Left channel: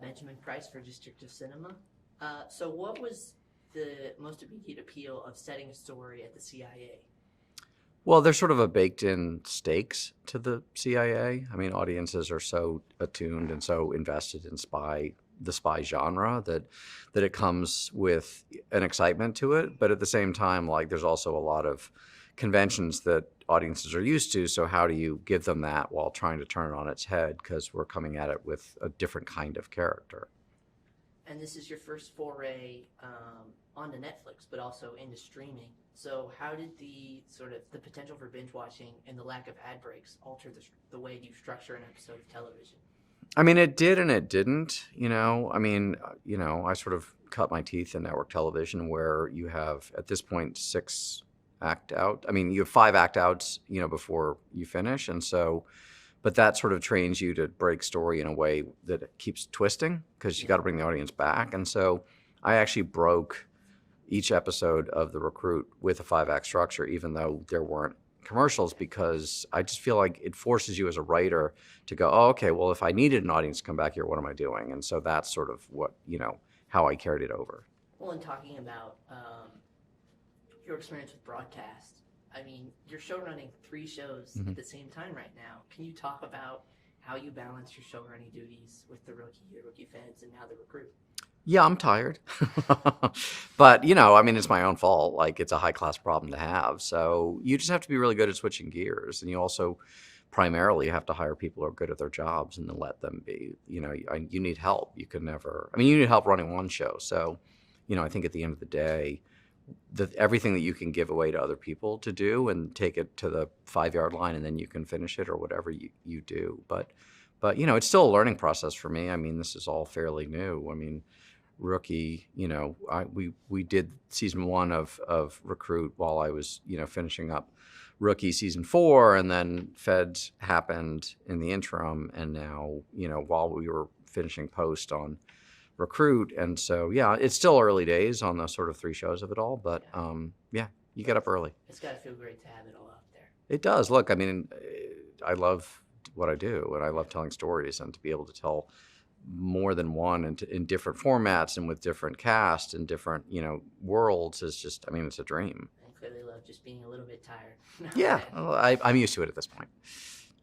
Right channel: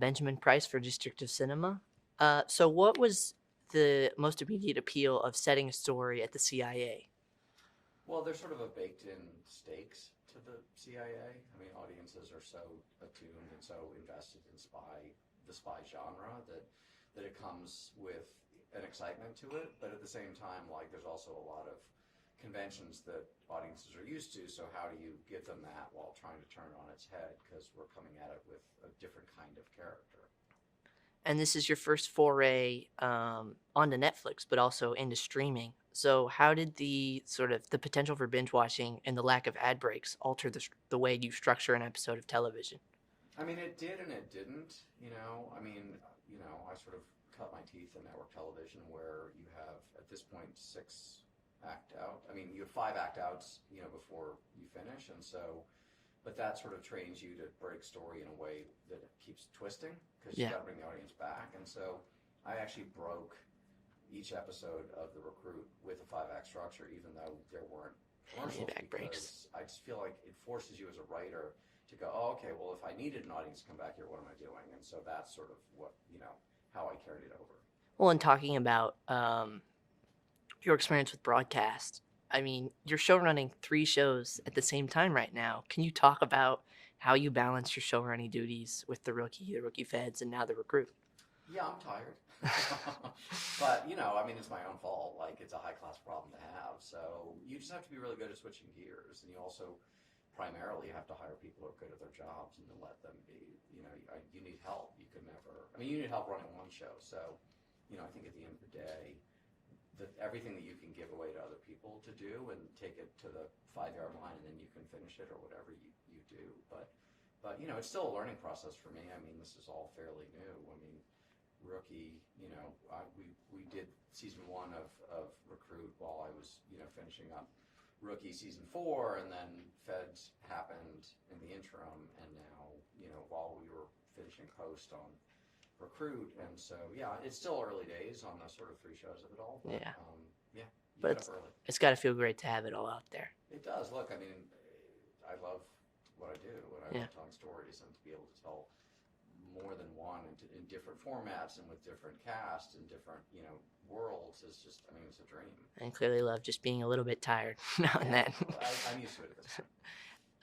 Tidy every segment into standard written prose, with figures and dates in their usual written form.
Benjamin Price for District of Cinema. So, what was the most immediate appeal of setting a story at the CIA? Well, there's sort of a baked-in stakes to the CIA. I mean, audiences are so attuned and so invested in the spy genre that it comes with an excitement to it. But at the same time, like there's also a lot of conventions that audiences are used to. So how do you give them that while trying to turn it on its head? Because we're coming at it with a different kind of character. And this is your first foray onto Netflix, but also into streaming. So, how did the potential for binge watching and the lack of ad breaks alter the way you structure an episode of television? I mean, it did and it didn't. I mean, I sort of cut my teeth in network television where you have at this point six act out. I mean, you have five act outs, before you finish, and so, but that sort of trains you to break story in a way that it keeps twisting because you Yeah, got to bring the audience back. And so, I actually broke each episode of The Recruit with a five act structure, even though there weren't commercials, ad breaks. because I just feel like it forces you as a writer to go, oh, okay, well, if I needed an audience to come back here, what am I doing? And so that's sort of what, how I carried it over. Well, in talking about your experience with broadcast, I mean, you're show running three shows Mm-hmm. at the same time right now. Can you talk about how you balance your show running duties with the rookie feds, and now the recruit? Yeah, I'm tired. But, I mean, it's my own fault. Like, it's a high class problem to have. So you just have to be really good at switching gears. And you also primarily have to hire people who are good at their jobs and then let them be. You need help. You can never, I mean, you need help running one show. So, I think at the end of the day, everything that you can give away to other people to do and take it to the 5 yard line and then you can finish it or whatever you do. But it's still a learning process for me. I mean, this is all fairly new. I mean, Rookie, we did season one of Recruit while I was finishing up Rookie season 4, and then Feds happened in the interim, and now while we were finishing post on Recruit, and so yeah, it's still early days on the sort of three shows of it all, but Yeah, yeah, you but get up early. it's got to feel great to have it all out there. It does. Look, I mean, I love what I do, and I Yeah. love telling stories, and to be able to tell more than one and in different formats and with different cast and different worlds is just, I mean, it's a dream. And clearly love just being a little bit tired now and Yeah, then. well, I'm used to it at this point.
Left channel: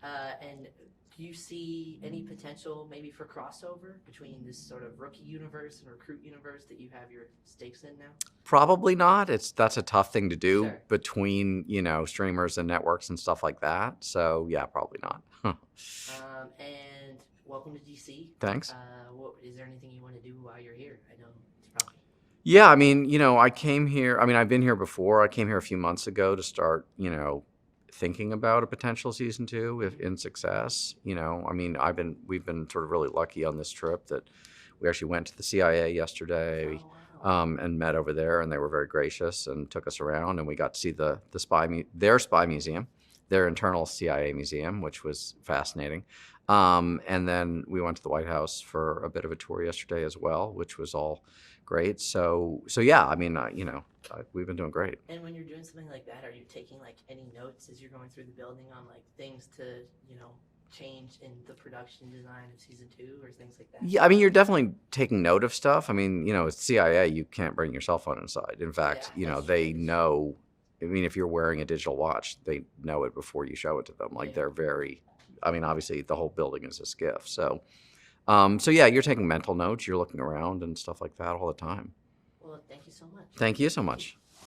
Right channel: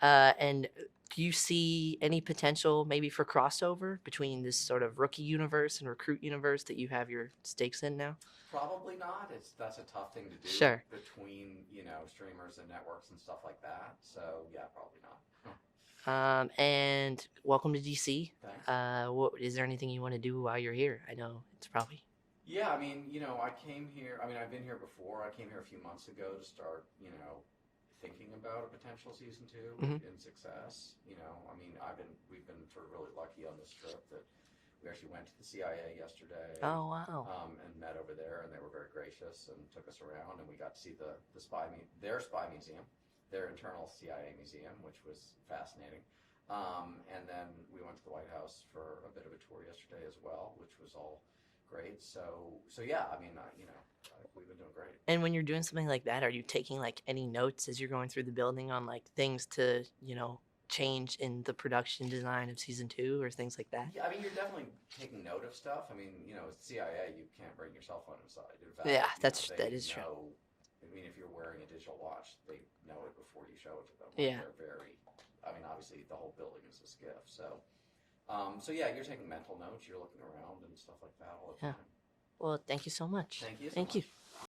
And do you see any potential maybe for crossover between this sort of rookie universe and recruit universe that you have your stakes in now? Probably not. That's a tough thing to do Sure. between streamers and networks and stuff like that, so yeah, probably not. And welcome to DC. Thanks. What is there anything you want to do while you're here? I know it's probably Yeah, I mean, I came here, I mean, I've been here before. I came here a few months ago to start thinking about a potential season 2 if in success. I mean, we've been sort of really lucky on this trip that we actually went to the CIA yesterday. Oh wow. And met over there, and they were very gracious and took us around, and we got to see their spy museum, their internal CIA museum, which was fascinating. And then we went to the White House for a bit of a tour yesterday as well, which was all great. So yeah, I mean, we've been doing great. And when you're doing something like that, are you taking like any notes as you're going through the building on like things to change in the production design of season 2 or things like that? Yeah, I mean, you're definitely taking note of stuff. I mean, it's CIA, you can't bring your cell phone inside. In fact, Yeah, they that is know. I mean, if you're wearing a digital watch, they know it before you show it to them. Like Yeah. they're very. I mean, obviously, the whole building is a skiff. So yeah, you're taking mental notes. You're looking around and stuff like that all the Yeah. time. Well, thank you so much. Thank you so Thank you. much.